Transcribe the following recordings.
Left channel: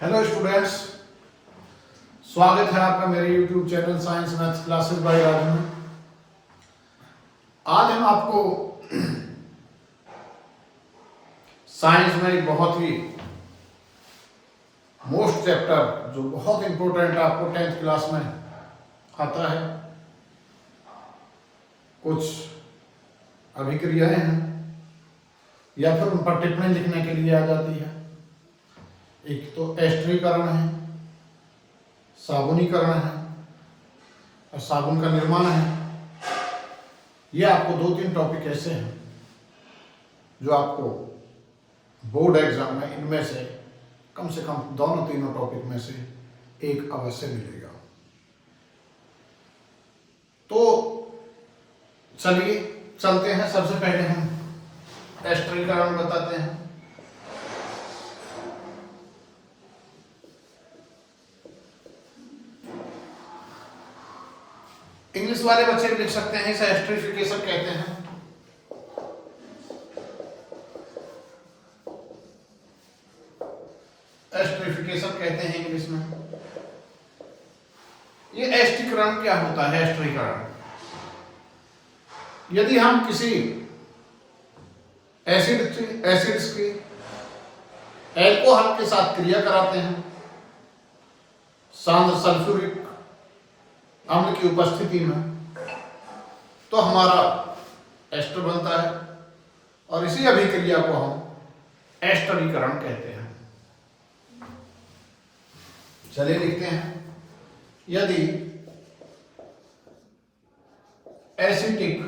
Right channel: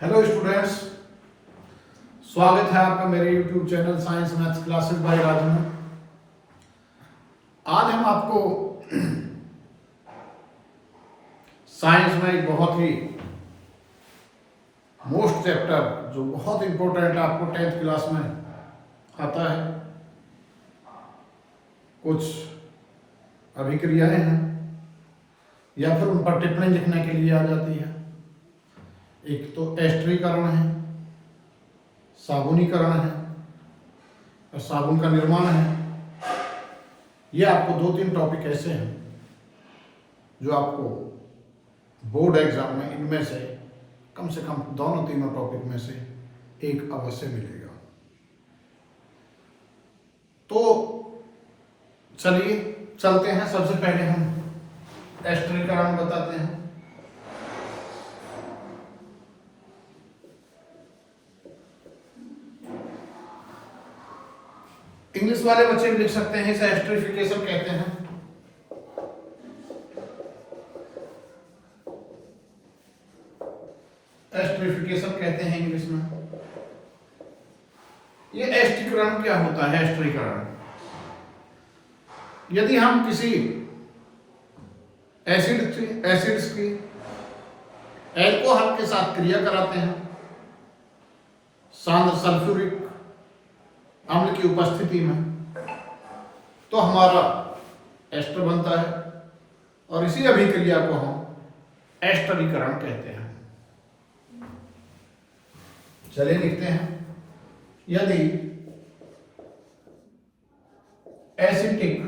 Hello students, स्वागत है आपका मेरे YouTube channel science maths classes bye Raju में। आज हम आपको साइंस में एक बहुत ही मोस्ट चैप्टर जो बहुत इंपॉर्टेंट आपको 10th क्लास में आता है, कुछ अभिक्रियाएं हैं या फिर उन पर टिप्पणी लिखने के लिए आ जाती है। एक तो एस्टरीकरण है, साबुनीकरण है और साबुन का निर्माण है। ये आपको 2-3 टॉपिक ऐसे हैं जो आपको बोर्ड एग्जाम में इनमें से कम दोनों तीनों टॉपिक में से एक अवश्य मिलेगा। तो चलिए चलते हैं। सबसे पहले हम एस्टरीकरण बताते हैं। इंग्लिश वाले बच्चे भी लिख सकते हैं, इसे एस्टरीफिकेशन कहते हैं। एस्टरीफिकेशन कहते हैं इंग्लिश में। ये एस्टरीकरण क्या होता है? एस्टरीकरण, यदि हम किसी एसिड्स की एल्कोहल के साथ क्रिया कराते हैं सांद्र सल्फ्यूरिक अम्ल की उपस्थिति में, तो हमारा एस्टर बनता है और इसी अभिक्रिया को हम एस्टरीकरण कहते हैं। चलिए लिखते हैं। यदि एसिटिक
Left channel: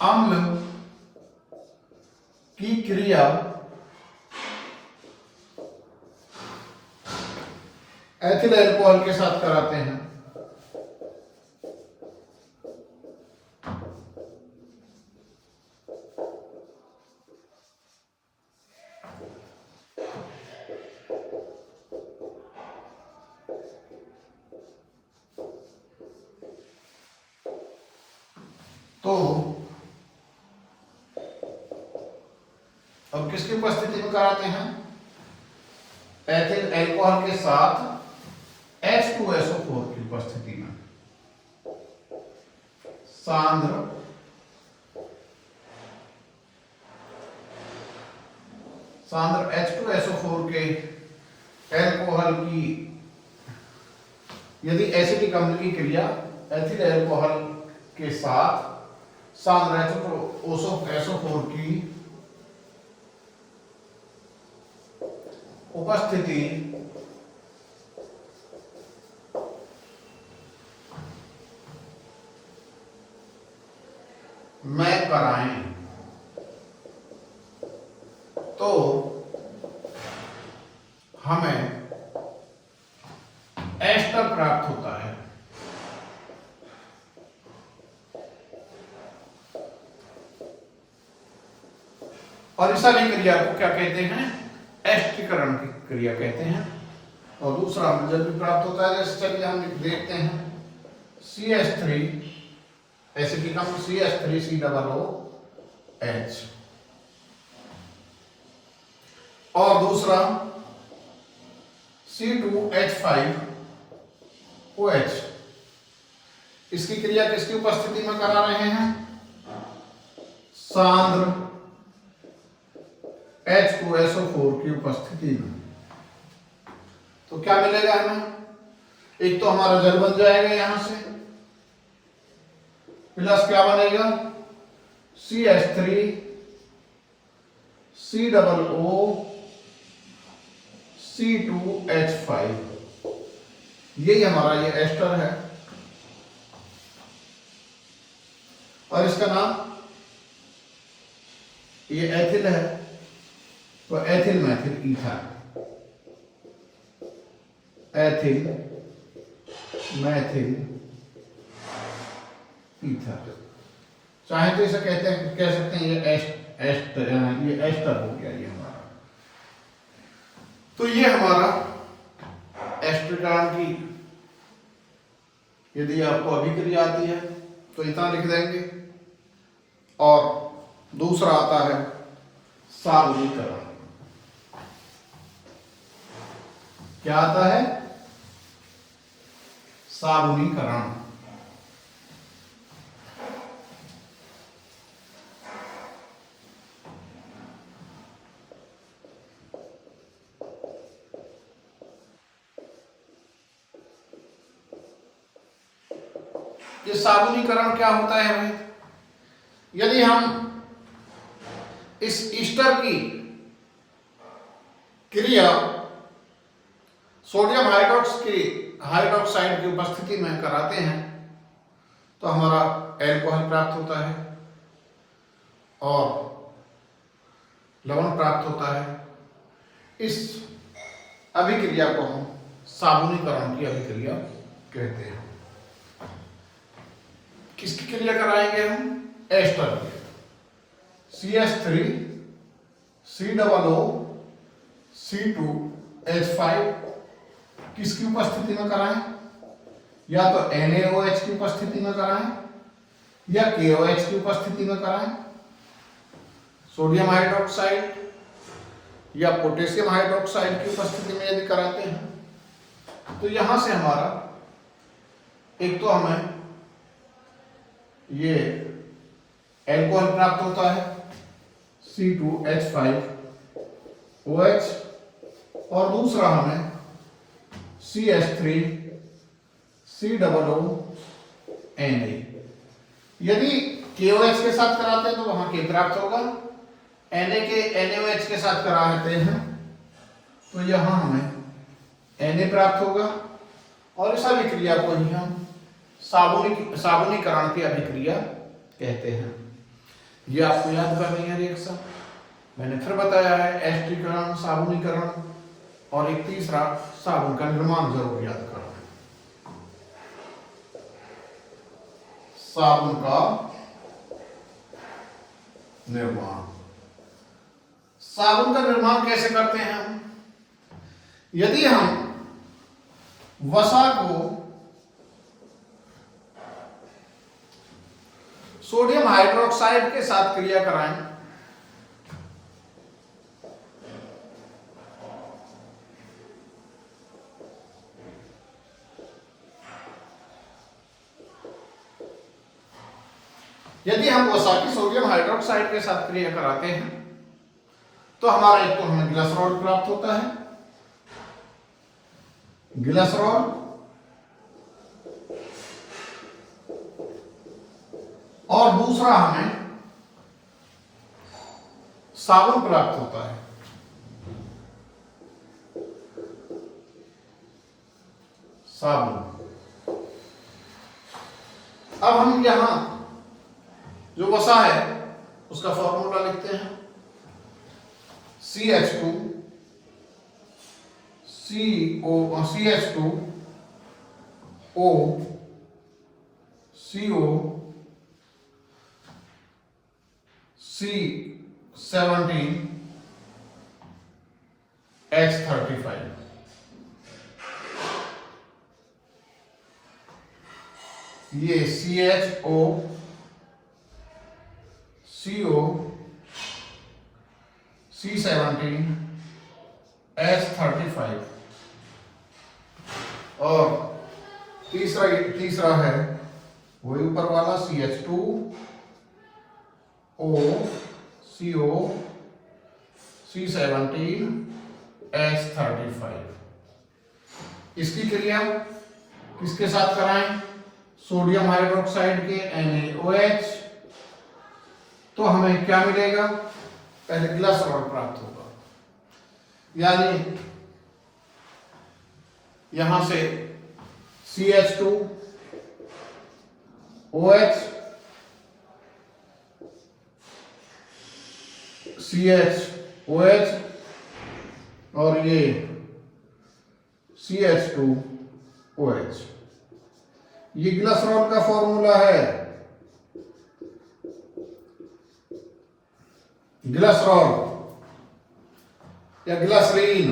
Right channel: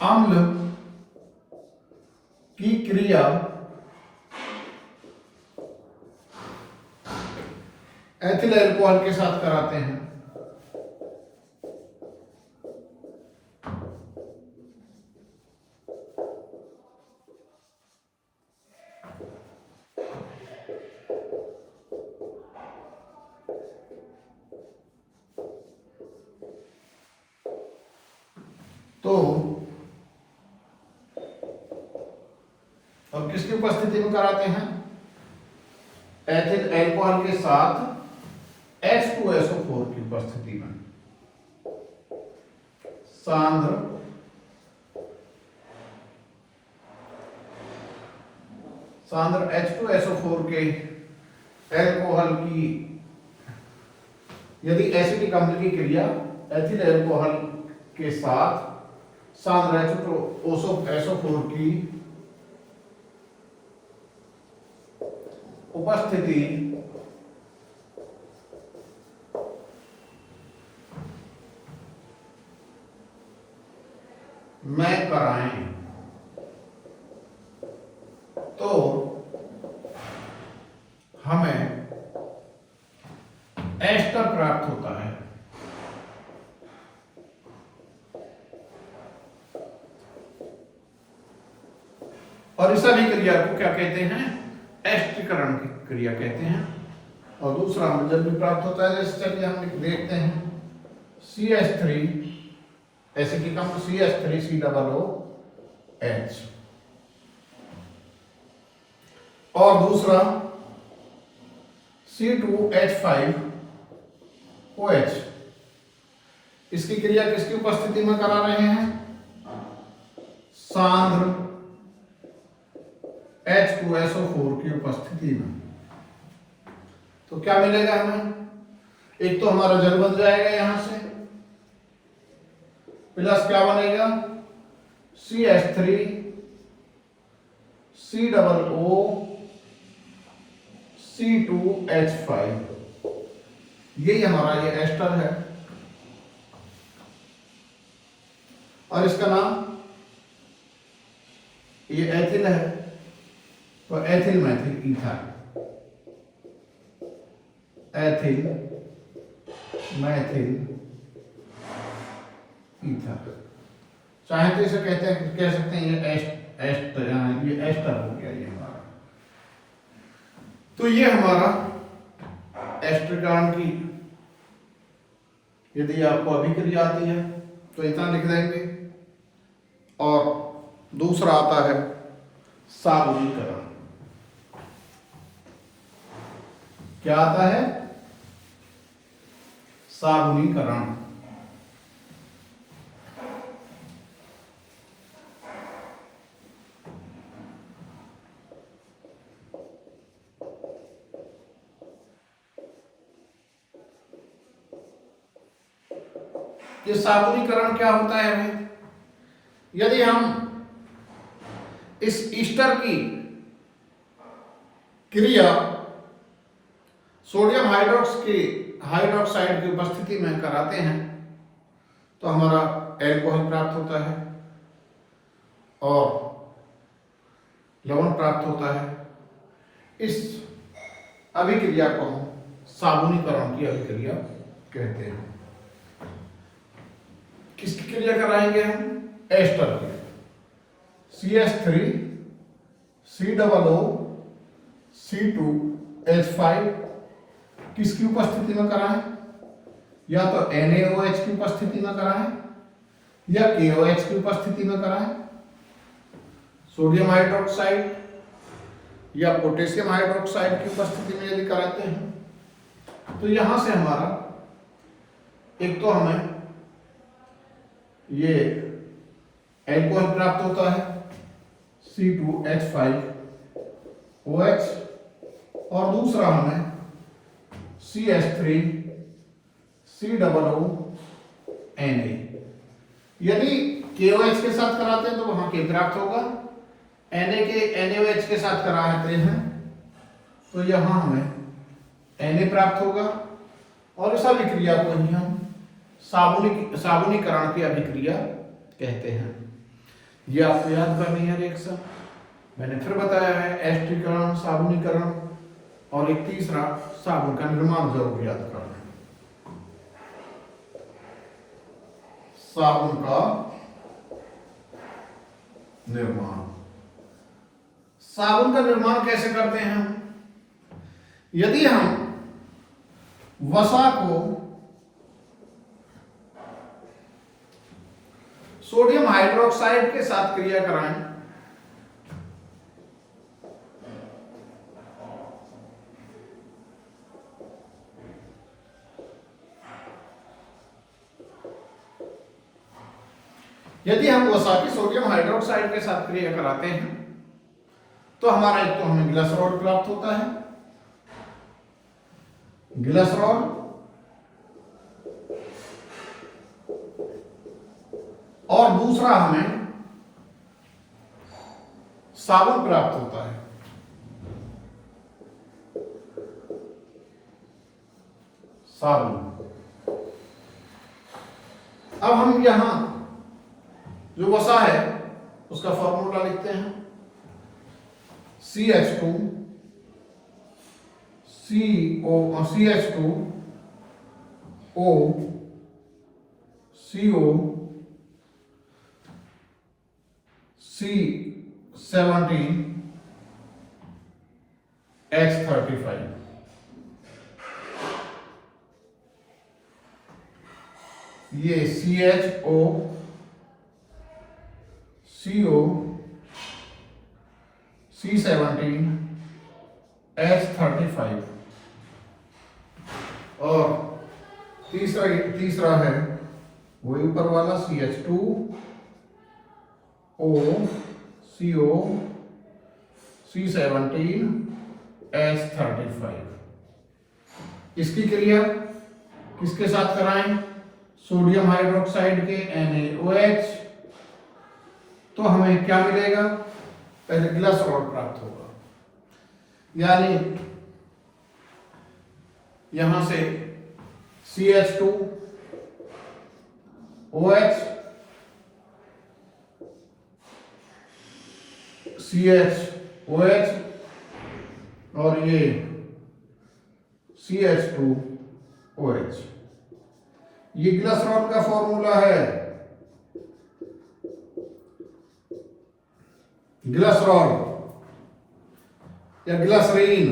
अम्ल की क्रिया एथिल अल्कोहल के साथ कराते हैं तो, और किसकी उपस्थिति में कराते हैं? एथिल अल्कोहल के साथ H2SO4 की उपस्थिति में सांद्र H2SO4 के अल्कोहल की, यदि एसिटिक अम्ल की क्रिया एथिल अल्कोहल के साथ सांद्र H2SO4 की उपस्थिति में कराएं तो हमें एस्टर प्राप्त होता है। और इस अभिक्रिया को क्या कहते हैं? एस्टरीकरण की क्रिया कहते हैं। और दूसरा रिजल्ट भी प्राप्त होता है। जैसे चलिए हम देखते हैं CH3 एसिटिक अम्ल CH3COOH और दूसरा C2H5OH। इसकी क्रिया किसकी उपस्थिति में करा रहे हैं? सांद्र H2SO4 की उपस्थिति में। तो क्या मिलेगा हमें? एक तो हमारा जल बन जाएगा यहां से, प्लस क्या बनेगा? CH3 COO C2H5। यही हमारा ये एस्टर है और इसका नाम, ये एथिल है तो ethyl Maithil ether, ethyl Maithil ether. चाहे तो इसे कह सकते हैं ये एस्टर हो गया ये हमारा। तो ये हमारा एस्टरीकरण की यदि आपको अभिक्रिया आती है तो इतना लिख देंगे। और दूसरा आता है साबुनीकरण। क्या आता है? साबुनीकरण। ये साबुनीकरण क्या होता है भाई? यदि हम इस ईस्टर की क्रिया सोडियम हाइड्रोक्साइड की उपस्थिति में कराते हैं तो हमारा एल्कोहल प्राप्त होता है और लवण प्राप्त होता है। इस अभिक्रिया को हम साबुनीकरण की अभिक्रिया कहते हैं। किसकी क्रिया कराएंगे हम? एस्टर की। CH3 COO C2H5 किसकी उपस्थिति में कराएं? या तो NaOH की उपस्थिति में कराएं या KOH की उपस्थिति में कराएं। सोडियम हाइड्रोक्साइड या पोटेशियम हाइड्रोक्साइड की उपस्थिति में यदि कराते हैं तो यहां से हमारा एक तो हमें ये एल्कोहल प्राप्त होता है C2H5OH और दूसरा हमें CH3 COO Na। यदि KOH के साथ कराते हैं तो वहां K प्राप्त होगा, NaOH के साथ कराते हैं तो यहां हमें Na प्राप्त होगा और इस अभिक्रिया को ही हम साबुनीकरण की अभिक्रिया कहते हैं। ये आपको याद करनी है रिएक्शन। मैंने फिर बताया है एस्टरीकरण, साबुनीकरण और एक तीसरा साबुन का निर्माण जरूर याद करना है। साबुन का निर्माण। साबुन का निर्माण कैसे करते हैं हम? यदि हम वसा को सोडियम हाइड्रोक्साइड के साथ क्रिया कराएं यदि हम वसा की सोडियम हाइड्रोक्साइड के साथ क्रिया कराते हैं तो हमारा एक तो हमें ग्लिसरॉल प्राप्त होता है, ग्लिसरॉल, और दूसरा हमें साबुन प्राप्त होता है। साबुन। अब हम यहां जो वसा है उसका फॉर्मूला लिखते हैं। CH2 O CO C17 H35। ये CHO CO C17 H35 और तीसरा है वही ऊपर वाला CH2 O CO C17 H35। इसकी क्रिया किसके साथ कराएं? सोडियम हाइड्रोक्साइड के NaOH। तो हमें क्या मिलेगा? पहले ग्लिसरॉल प्राप्त होगा, यानी यहां से CH2 OH CHOH और ये CH2OH। ये ग्लिसरॉल का फॉर्मूला है। ग्लिसरॉल या ग्लिसरीन,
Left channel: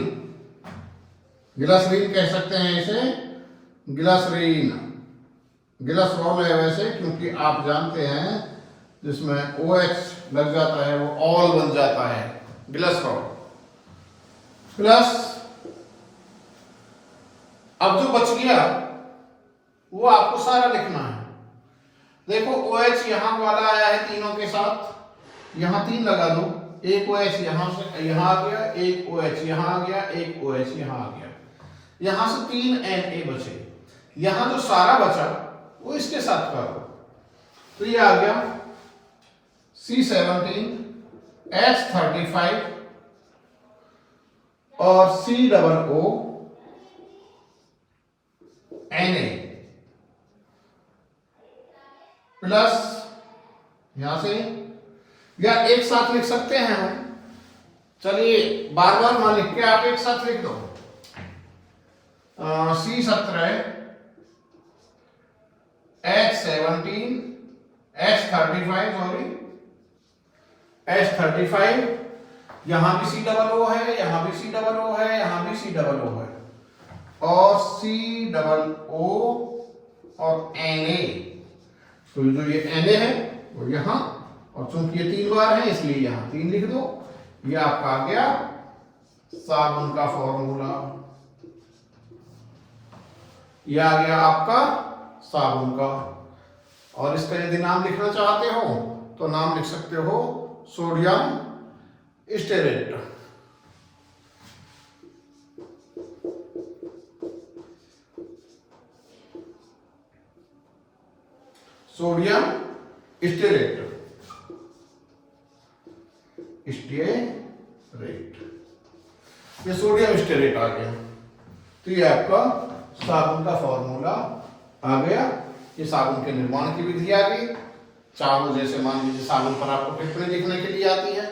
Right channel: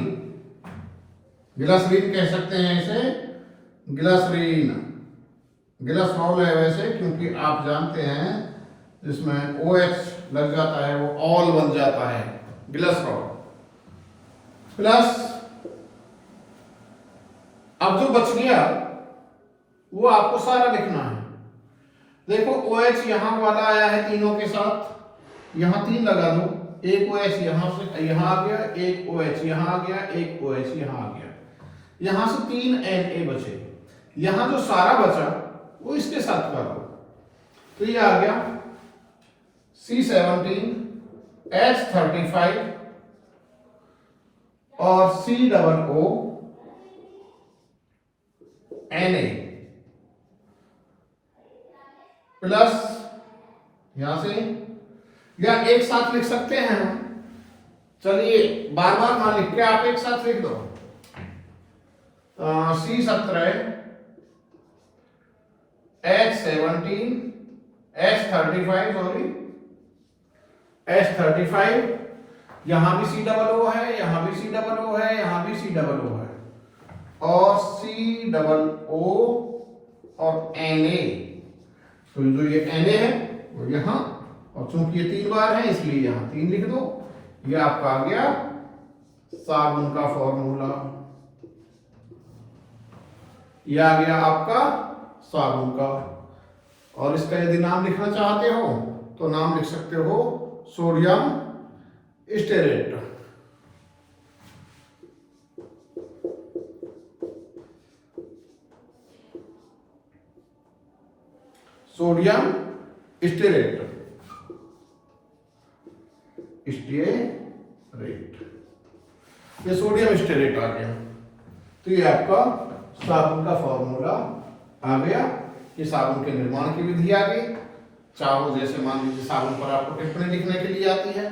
ग्लिसरीन कह सकते हैं इसे, ग्लिसरीन। ग्लिसरॉल है वैसे क्योंकि आप जानते हैं जिसमें OH लग जाता है वो ऑल बन जाता है, ग्लिसरॉल। प्लस अब जो बच गया वो आपको सारा लिखना है। देखो OH यहां वाला आया है तीनों के साथ, यहां 3 लगा दो, एक OH यहां से यहां आ गया, एक OH यहां आ गया, एक OH यहां आ गया, यहां से 3 Na बचे। यहां जो सारा बचा वो इसके साथ कर दो, तो ये आ गया C17 H35 और COO Na प्लस यहां से, या एक साथ लिख सकते हैं हम, चलिए बार बार मान लिख के आप एक साथ लिख दो। C17 H17 H35 sorry H35, यहां भी COO है, यहां भी COO है, यहां भी COO है, और COO और Na, तो जो ये Na है वो यहां, और चूंकि ये 3 बार है इसलिए यहां 3 लिख दो। ये आपका आ गया साबुन का फॉर्मूला, ये आ गया आपका साबुन का। और इसका यदि नाम लिखना चाहते हो तो नाम लिख सकते हो सोडियम स्टेरेट। सोडियम स्टेरेट, ये सोडियम स्टेरेट आ गया। तो ये आपका साबुन का फॉर्मूला आ गया। ये साबुन के निर्माण की विधि आ गई। चाहो जैसे मान लीजिए साबुन पर आपको टिप्पणी लिखने के लिए आती है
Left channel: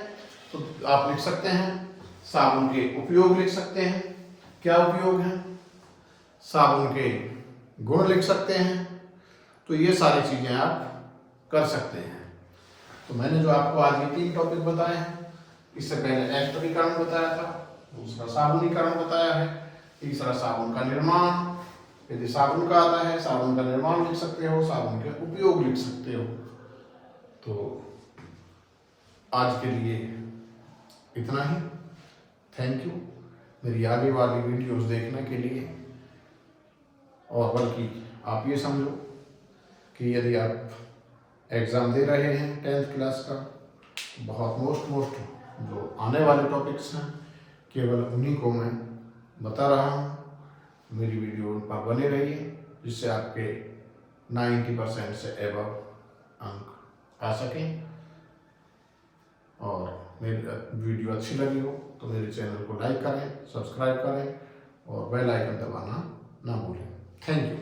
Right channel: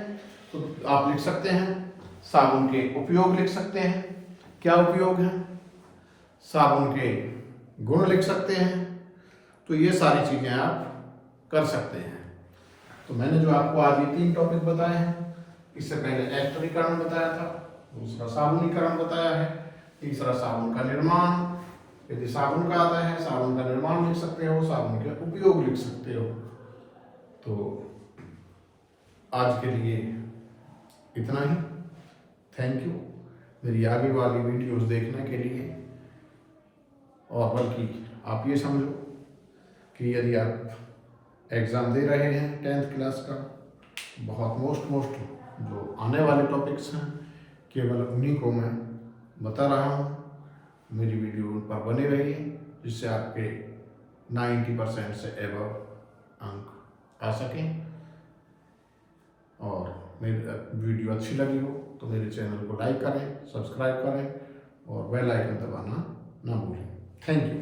तो आप लिख सकते हैं, साबुन के उपयोग लिख सकते हैं, क्या उपयोग है, साबुन के गुण लिख सकते हैं। तो ये सारी चीजें आप कर सकते हैं। तो मैंने जो आपको आज ये 3 टॉपिक बताए हैं, इससे पहले एस्टरीकरण बताया था, दूसरा साबुनीकरण बताया है, तीसरा साबुन का निर्माण। यदि साबुन का आता है साबुन का निर्माण लिख सकते हो, साबुन के उपयोग लिख सकते हो। तो आज के लिए इतना ही। थैंक यू मेरी आगे वाली वीडियोस देखने के लिए। और बल्कि आप ये समझो कि यदि आप एग्ज़ाम दे रहे हैं 10th क्लास का, बहुत मोस्ट जो आने वाले टॉपिक्स हैं केवल उन्हीं को मैं बता रहा हूँ। मेरी वीडियो उन पर बने रहिए जिससे आपके 90% से एबव अंक आ सकें। और मेरी वीडियो अच्छी लगी हो तो मेरे चैनल को लाइक करें, सब्सक्राइब करें और बेल आइकन दबाना ना भूलें। Thank you.